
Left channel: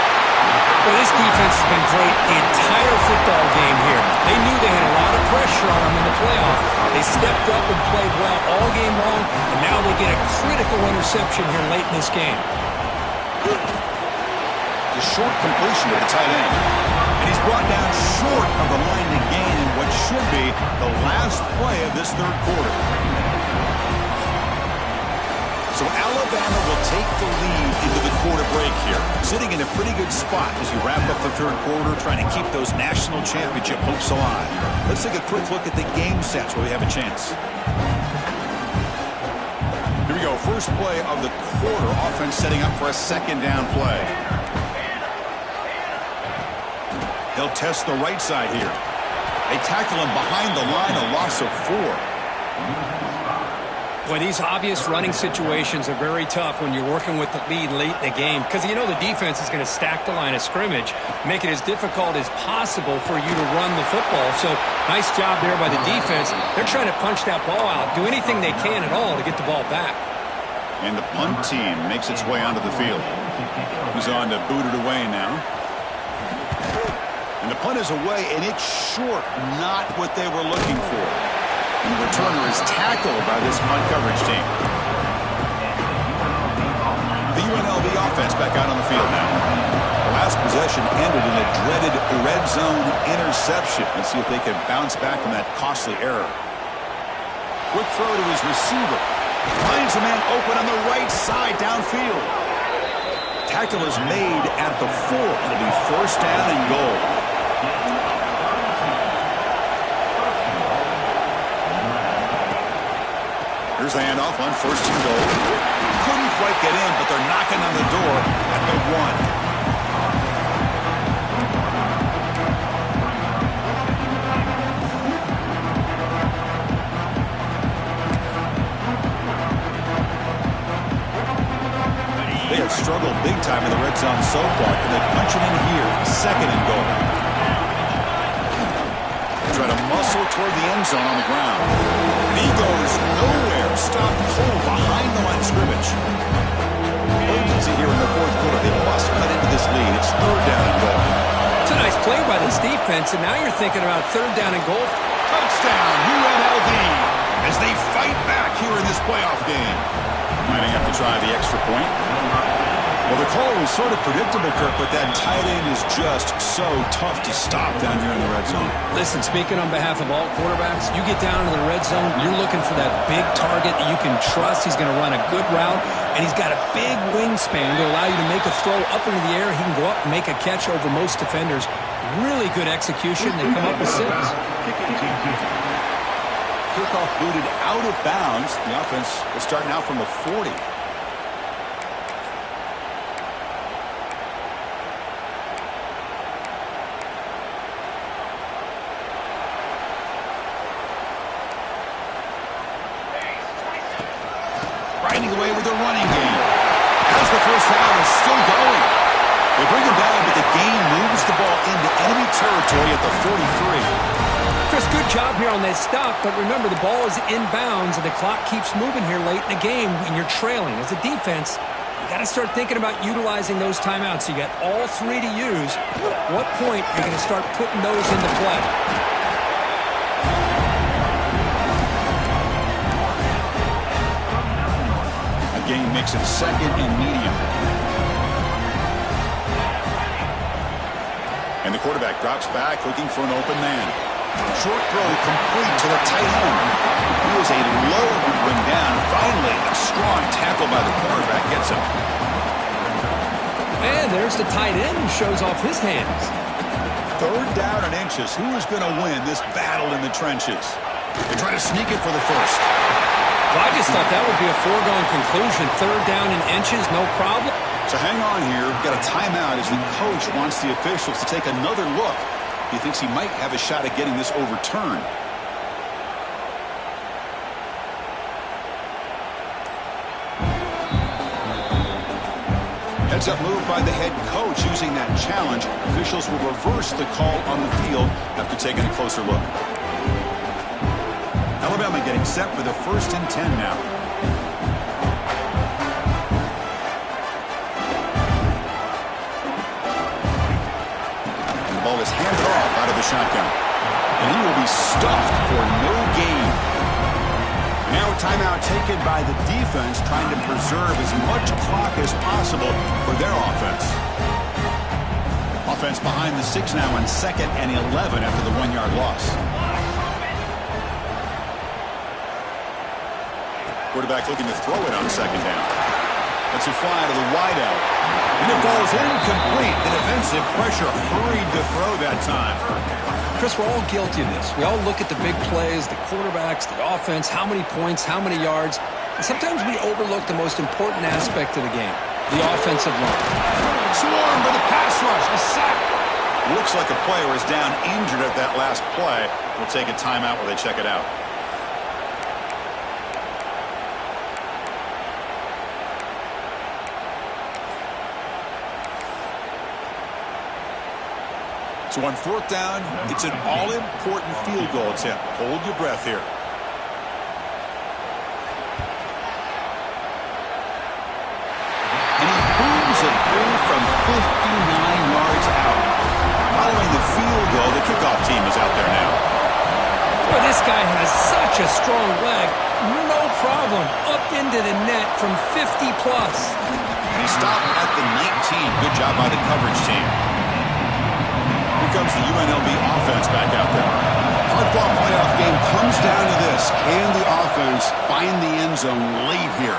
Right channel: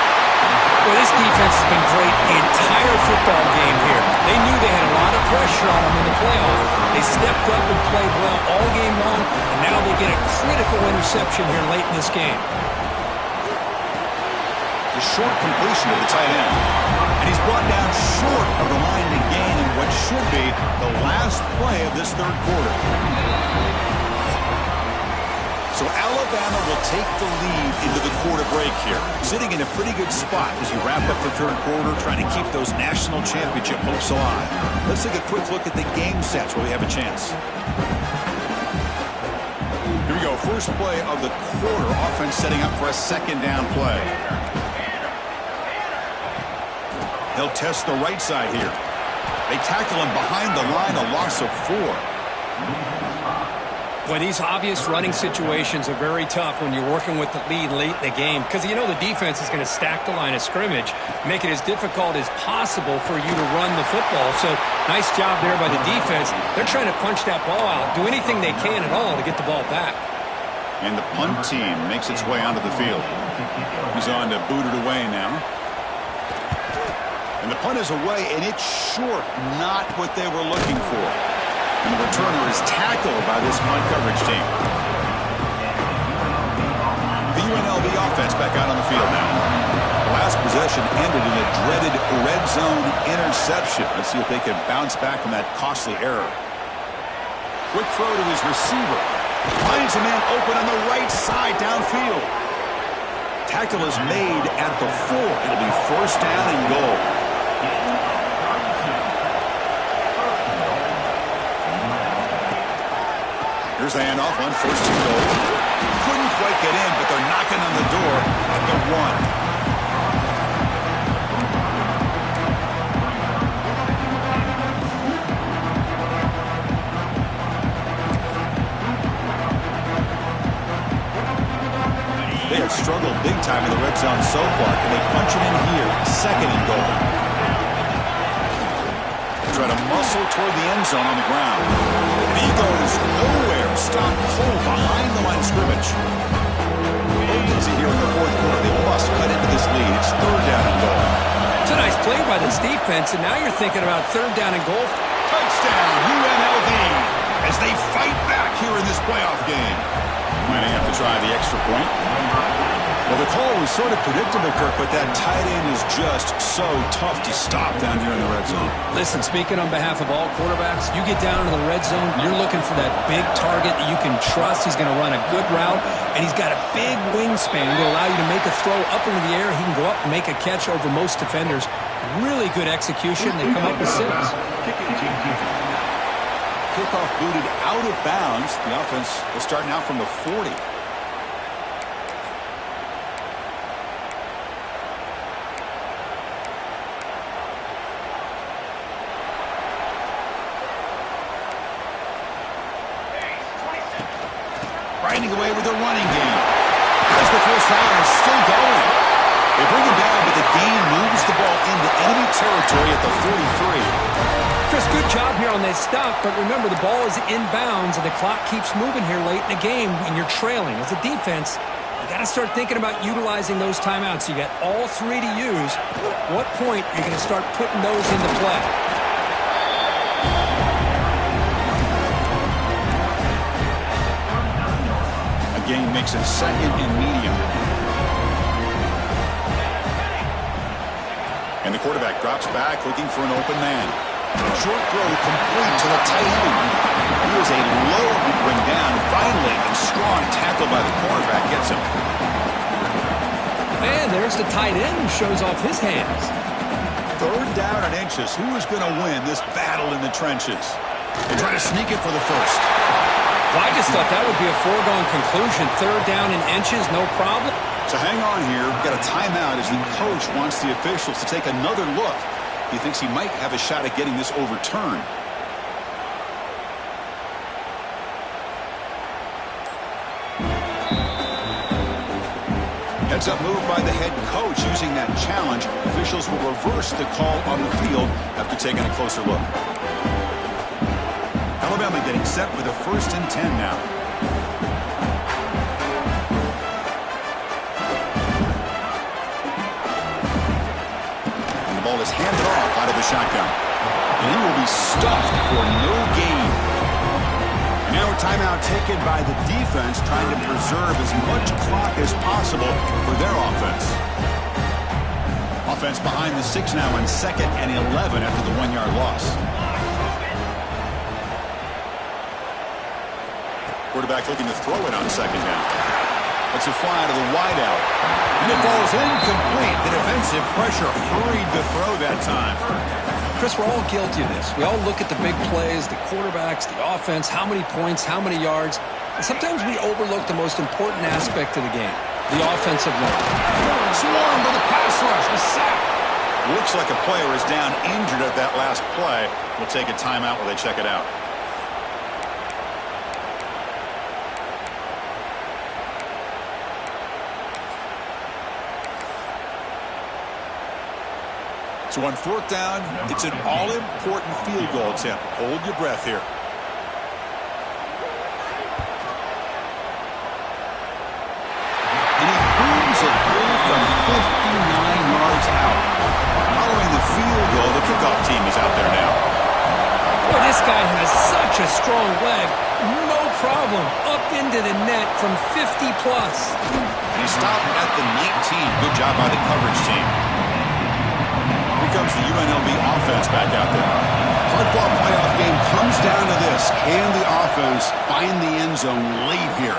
Well, this defense has been great the entire football game here. They knew they had a lot of pressure on them in the playoff. They stepped up and played well all game long, and now they get a critical interception here late in this game. The short completion to the tight end. And he's brought down short of the line to gain in what should be the last play of this third quarter. So Alabama will take the lead into the quarter break here, sitting in a pretty good spot as you wrap up the third quarter, trying to keep those national championship hopes alive. Let's take a quick look at the game sets where we have a chance. Here we go. First play of the quarter. Offense setting up for a second down play. They'll test the right side here. They tackle him behind the line, a loss of 4. Boy, these obvious running situations are very tough when you're working with the lead late in the game because you know the defense is going to stack the line of scrimmage, make it as difficult as possible for you to run the football. So nice job there by the defense. They're trying to punch that ball out, do anything they can at all to get the ball back. And the punt team makes its way onto the field. He's on to boot it away now. And the punt is away, and it's short, not what they were looking for. And the returner is tackled by this punt coverage team. The UNLV offense back out on the field now. The last possession ended in a dreaded red zone interception. Let's see if they can bounce back from that costly error. Quick throw to his receiver. Finds a man open on the right side downfield. Tackle is made at the 4. It'll be first down and goal. Here's the handoff on 1st and goal. Couldn't quite get in, but they're knocking on the door at the 1. They have struggled big time in the red zone so far. Can they punch it in here? 2nd and goal. Try to muscle toward the end zone on the ground. And he goes nowhere. Stopped cold behind the line of scrimmage. Urgency here in the fourth quarter. They must cut into this lead. It's 3rd down and goal. It's a nice play by this defense, and now you're thinking about 3rd down and goal. Touchdown, UNLV, as they fight back here in this playoff game. Might have to try the extra point. Well, the call was sort of predictable, Kirk, but that tight end is just so tough to stop down here in the red zone. Listen, speaking on behalf of all quarterbacks, you get down into the red zone, you're looking for that big target that you can trust. He's going to run a good route, and he's got a big wingspan to allow you to make a throw up into the air. He can go up and make a catch over most defenders. Really good execution. They come up with 6. Kickoff booted out of bounds. The offense will start now from the 40. Riding away with the running game. As the first down is still going. They bring him down, but the game moves the ball into enemy territory at the 43. Chris, good job here on that stop, but remember the ball is inbounds and the clock keeps moving here late in the game and you're trailing. As a defense, you got to start thinking about utilizing those timeouts. You got all 3 to use. At what point are you going to start putting those into play? Gain makes it 2nd and medium. And the quarterback drops back looking for an open man. Short throw complete to the tight end. He was a load to bring down. Finally, a strong tackle by the cornerback gets him. And there's the tight end who shows off his hands. 3rd down and inches. Who is going to win this battle in the trenches? They try to sneak it for the first. Well, I just thought that would be a foregone conclusion. 3rd down and inches, no problem. So hang on here. Got a timeout as the coach wants the officials to take another look. He thinks he might have a shot at getting this overturned. Heads up move by the head coach using that challenge. Officials will reverse the call on the field after taking a closer look. Alabama getting set for the 1st and 10 now. And the ball is handed off out of the shotgun. And he will be stuffed for no gain. And now a timeout taken by the defense, trying to preserve as much clock as possible for their offense. Offense behind the 6 now on 2nd and 11 after the 1-yard loss. Quarterback looking to throw it on 2nd down. Lets it fly to the wideout. And it falls incomplete. The defensive pressure hurried the throw that time. Chris, we're all guilty of this. We all look at the big plays, the quarterbacks, the offense, how many points, how many yards. And sometimes we overlook the most important aspect of the game, the offensive line. Swarm for the pass rush, a sack. Looks like a player is down injured at that last play. We'll take a timeout while they check it out. So on 4th down, it's an all-important field goal attempt. Hold your breath here. And he booms it through from 59 yards out. Following the field goal, the kickoff team is out there now. Well, this guy has such a strong leg. No problem. Up into the net from 50-plus. And he stopped at the 19. Good job by the coverage team. Here comes the UNLV offense back out there. Hard-fought playoff game comes down to this. Can the offense find the end zone late here?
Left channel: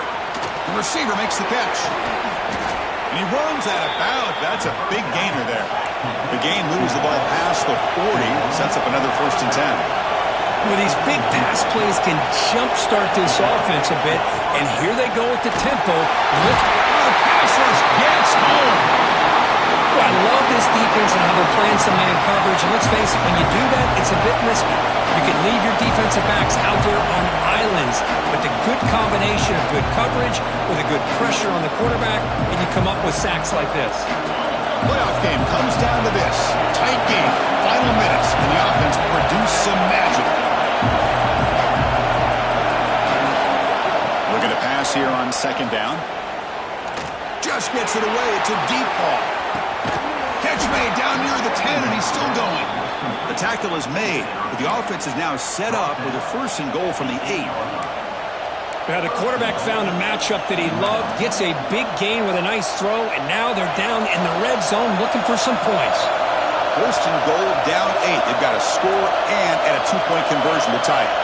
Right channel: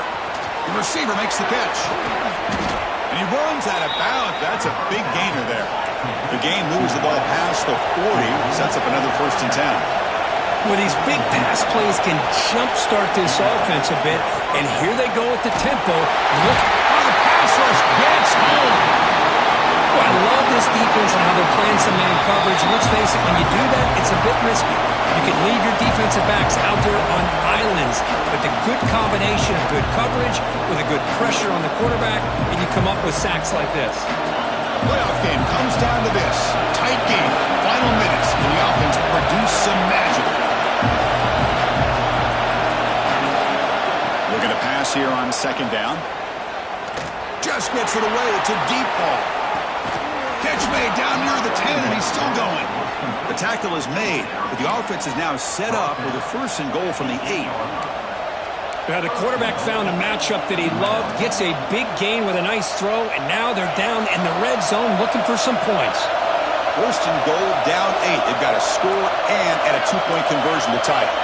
The receiver makes the catch. And he runs out of bounds. That's a big gainer there. The game moves the ball past the 40. Sets up another 1st and 10. Well, these big pass plays can jumpstart this offense a bit. And here they go with the tempo. Look, the pass rush gets home. Well, I love this defense and how they're playing some man coverage. And let's face it, when you do that, it's a bit risky. You can leave your defensive backs out there on islands. But the good combination of good coverage with a good pressure on the quarterback, and you come up with sacks like this. Playoff game comes down to this. Tight game, final minutes, and the offense produced some magic. Looking to pass here on 2nd down. Just gets it away. It's a deep ball. Catch made down near the 10, and he's still going. The tackle is made, but the offense is now set up with a 1st and goal from the 8. Now the quarterback found a matchup that he loved, gets a big gain with a nice throw, and now they're down in the red zone looking for some points. 1st and goal, down 8. They've got to score and add a 2-point conversion to tie it.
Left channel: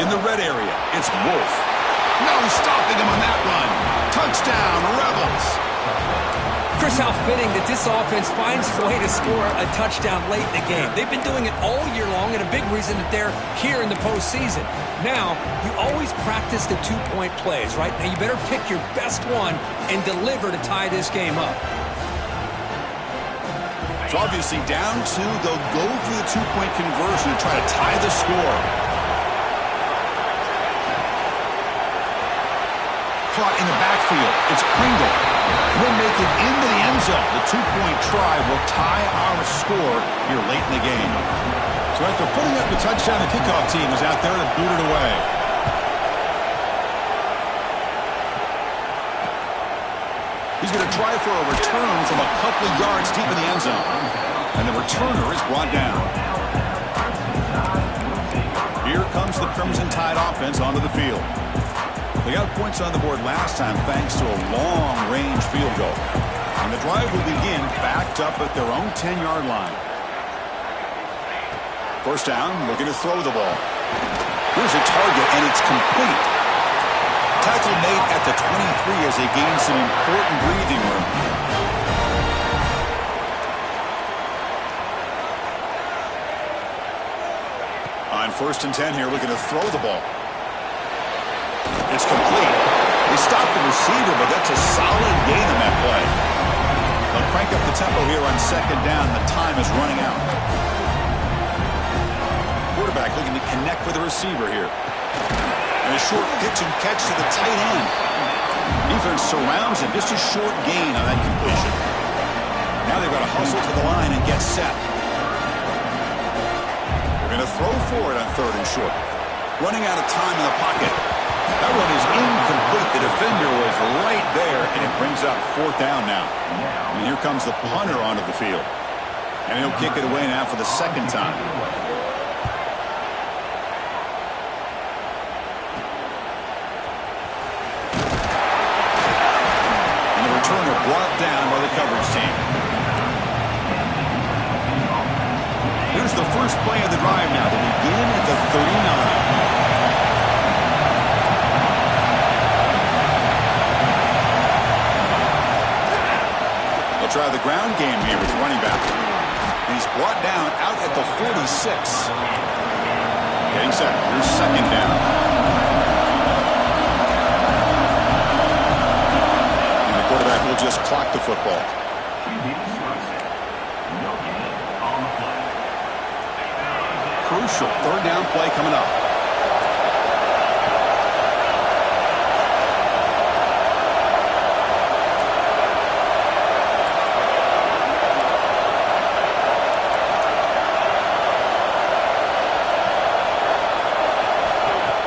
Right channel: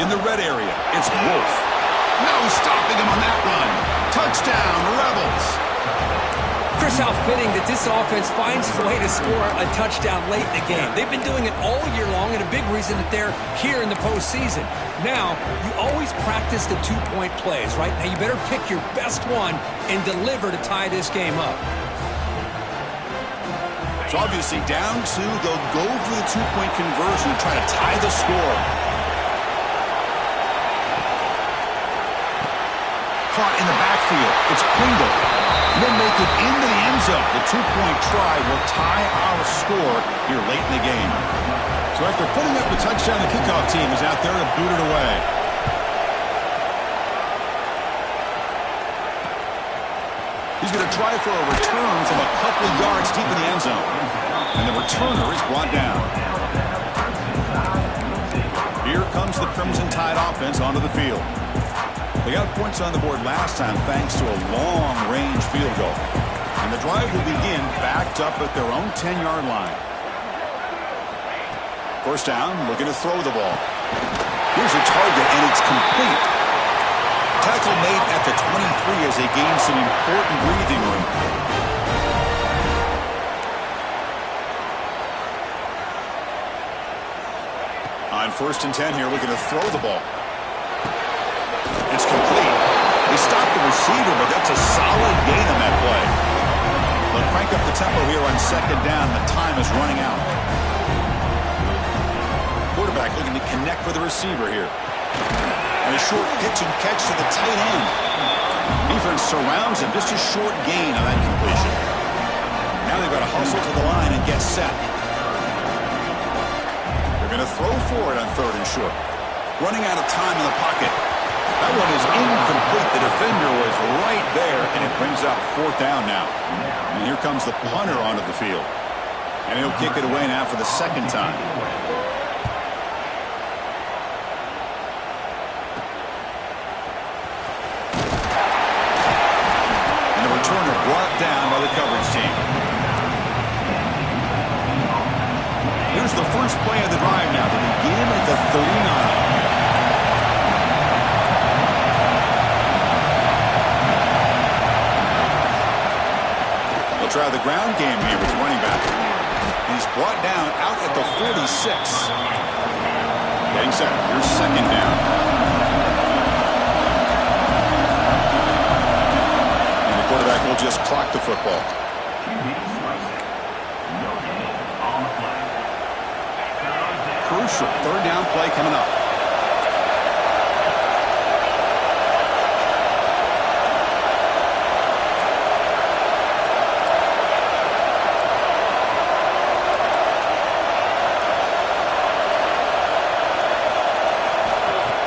In the red area, it's Wolf. No stopping him on that run. Touchdown, Rebels. Chris, how fitting that this offense finds a way to score a touchdown late in the game. They've been doing it all year long, and a big reason that they're here in the postseason. Now, you always practice the 2-point plays, right? Now, you better pick your best one and deliver to tie this game up. So obviously down 2, they'll go for the 2-point conversion and try to tie the score. Caught in the backfield. It's Pringle. They'll make it into the end zone. The 2-point try will tie our score here late in the game. So after putting up the touchdown, the kickoff team is out there to boot it away. He's going to try for a return from a couple of yards deep in the end zone. And the returner is brought down. Here comes the Crimson Tide offense onto the field. They got points on the board last time thanks to a long-range field goal. And the drive will begin backed up at their own 10-yard line. First down, looking to throw the ball. Here's a target, and it's complete. Tackle made at the 23 as they gain some important breathing room. On 1st and 10 here, looking to throw the ball. It's complete. They stopped the receiver, but that's a solid gain on that play. They'll crank up the tempo here on 2nd down. The time is running out. Quarterback looking to connect with the receiver here. And a short pitch and catch to the tight end. Defense surrounds him. Just a short gain on that completion. Now they've got to hustle to the line and get set. They're going to throw for it on 3rd and short. Running out of time in the pocket. That one is incomplete. The defender was right there, and it brings up 4th down now. And here comes the punter onto the field. And he'll kick it away now for the 2nd time. And the returner brought down by the coverage team. Here's the first play of the drive now. They begin at the 39. They'll try the ground game here with the running back. And he's brought down out at the 46. Getting set. Here's 2nd down. And the quarterback will just clock the football. Crucial 3rd down play coming up.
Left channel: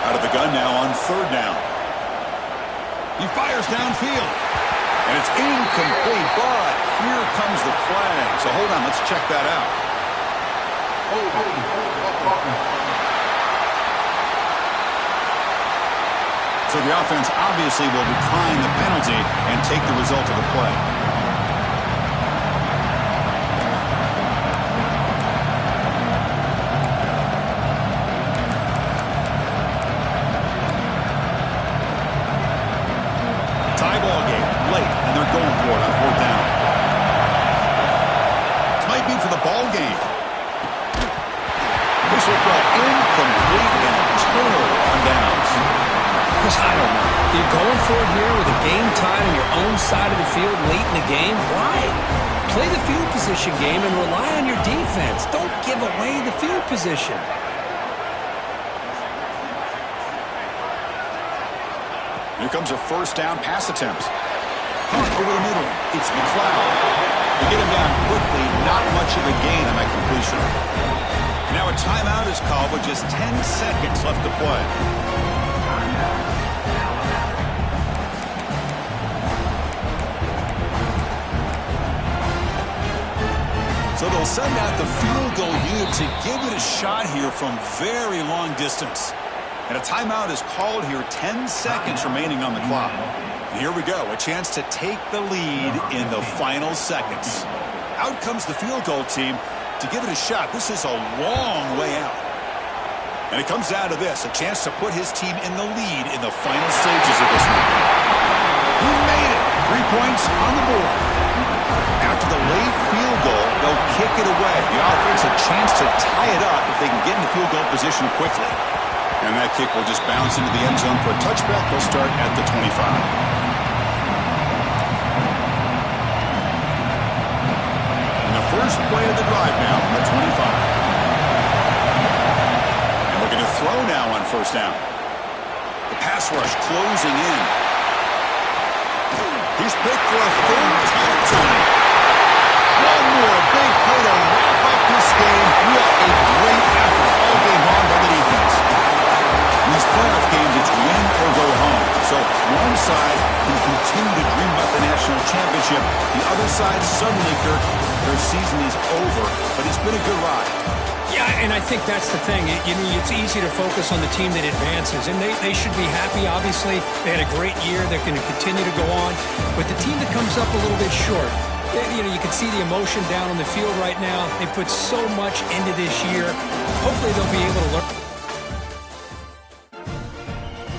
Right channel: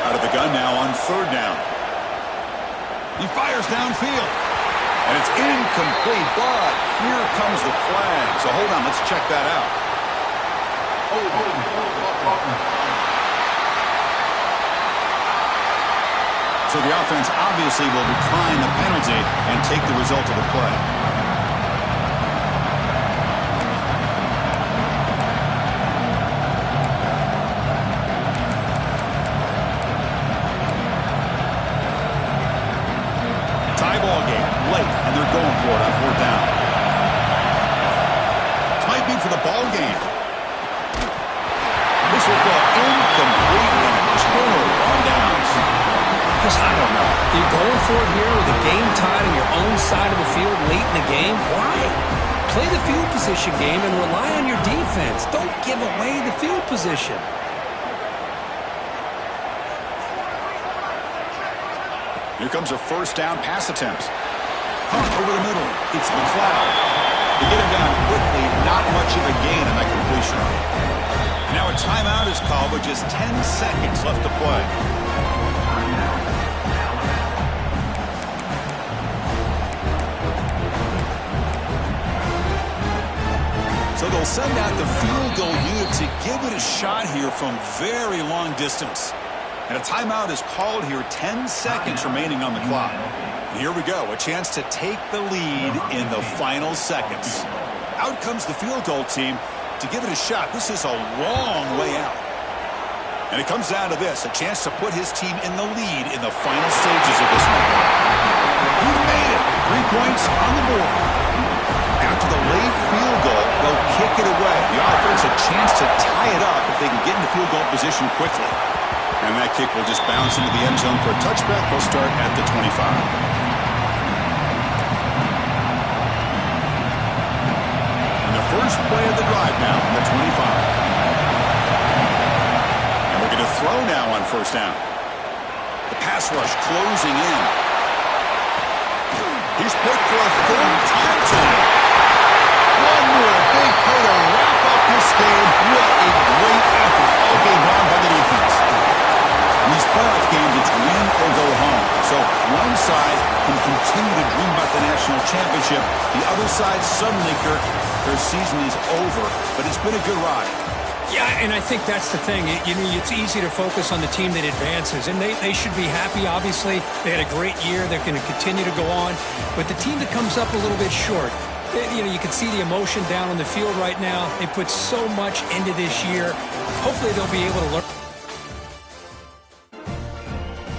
Out of the gun now on 3rd down. He fires downfield. And it's incomplete, but here comes the flag. So hold on, let's check that out. So the offense obviously will decline the penalty and take the result of the play. Tie ball game late, and they're going for it on 4th down. This might be for the ball game. This will go incomplete and a turnover on downs. Because I don't know. You're going for it here with a game tied on your own side of the field late in the game? Why? Play the field position game and rely on your defense. Don't give away the field position. Here comes a 1st down pass attempt. Hunt over the middle. It's McLeod. They get him down quickly. Not much of a gain on that completion. Now a timeout is called with just 10 seconds left to play. So they'll send out the field goal unit to give it a shot here from very long distance. And a timeout is called here, 10 seconds remaining on the clock. And here we go, a chance to take the lead in the final seconds. Out comes the field goal team to give it a shot. This is a long way out. And it comes down to this, a chance to put his team in the lead in the final stages of this one. He made it. 3 points on the board. After the late field goal, they'll kick it away. The offense a chance to tie it up if they can get into field goal position quickly. And that kick will just bounce into the end zone for a touchback. They'll start at the 25. And the first play of the drive now from the 25. And looking to throw now on 1st down. The pass rush closing in. He's picked for a 3rd time tonight. One more big play to wrap up this game. What a great effort all game long by the defense. In these playoff games, it's win or go home. So one side can continue to dream about the national championship. The other side, suddenly, Kirk, their season is over. But it's been a good ride. Yeah, and I think that's the thing. It's easy to focus on the team that advances, and they should be happy, obviously. They had a great year. They're going to continue to go on. But the team that comes up a little bit short, You know, you can see the emotion down on the field right now. They put so much into this year. Hopefully they'll be able to learn.